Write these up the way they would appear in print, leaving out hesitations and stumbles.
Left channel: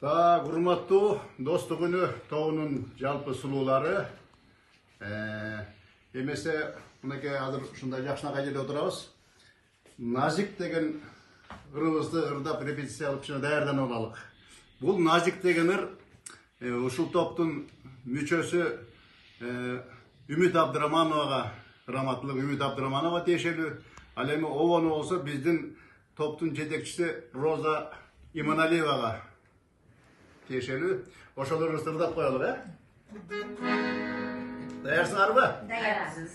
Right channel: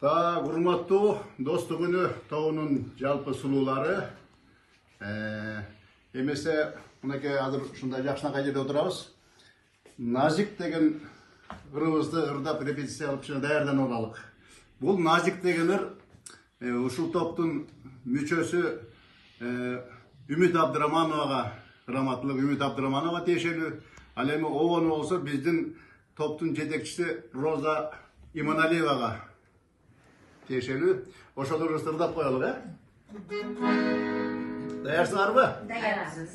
Урматтуу достук күнү тобунун жалпы сулуулары. Эмесе мынакей азыр ушундай жакшынакай жерде отурабыз. Назик деген ырыбызды ырдап репетиция кылып кичине даярданып алалык. Бул Назик деген ыр ушул топтун мүчөсү Үмүт Абдырамановага, раматтылык Үмүт Абдыраманова тиешелүү. Ал эми обону болсо биздин топтун жетекчиси Роза Иманалиевага тиешелүү. Ошол ырыбызды ырдап коелук, Даярсыңарбы? Даярбыз.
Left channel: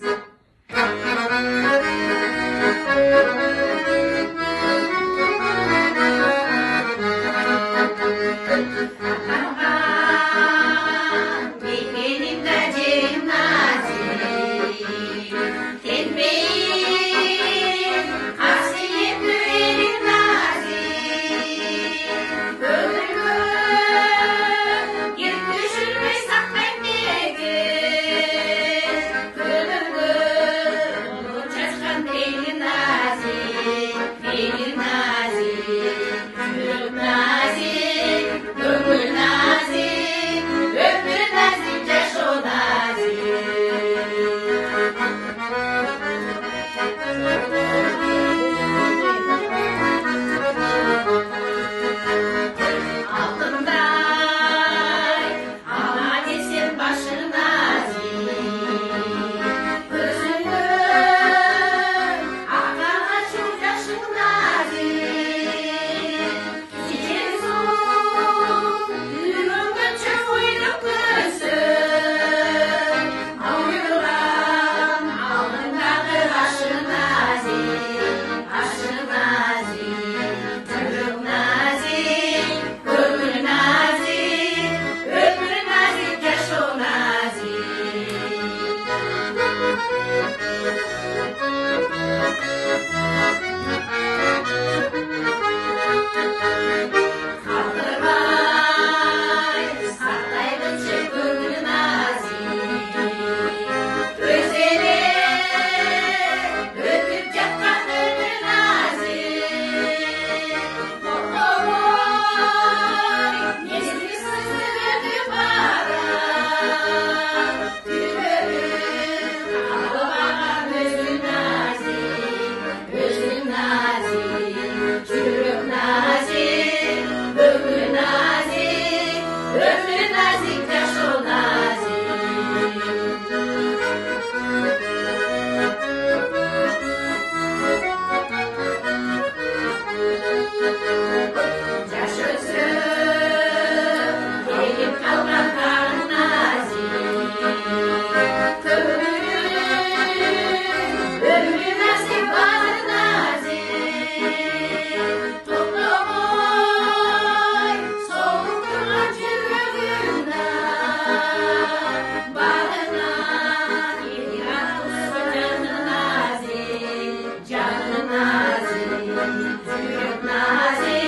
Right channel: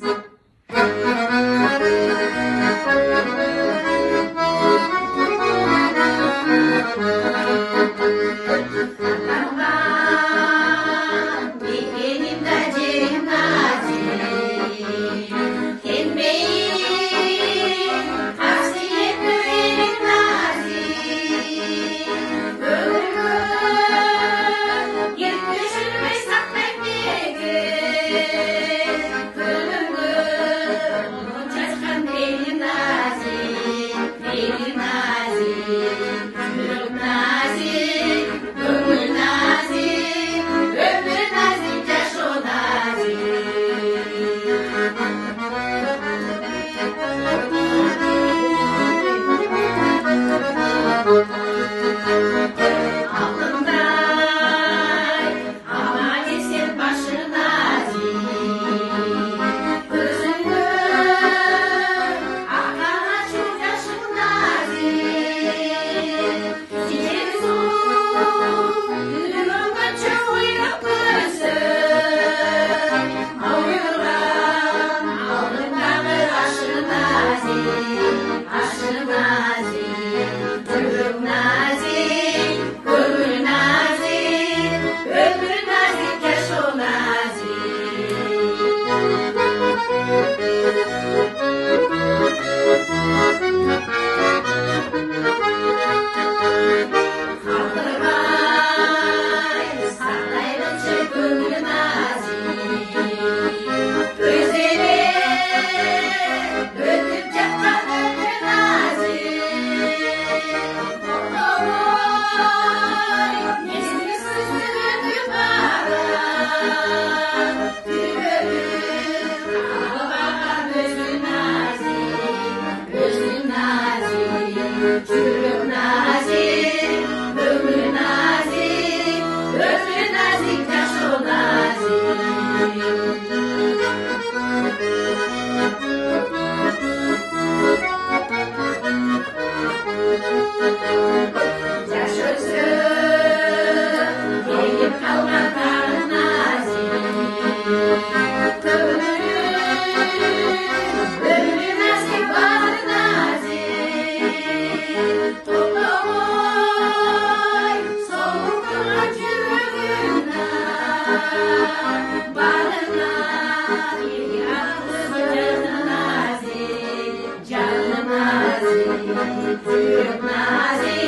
Nazi,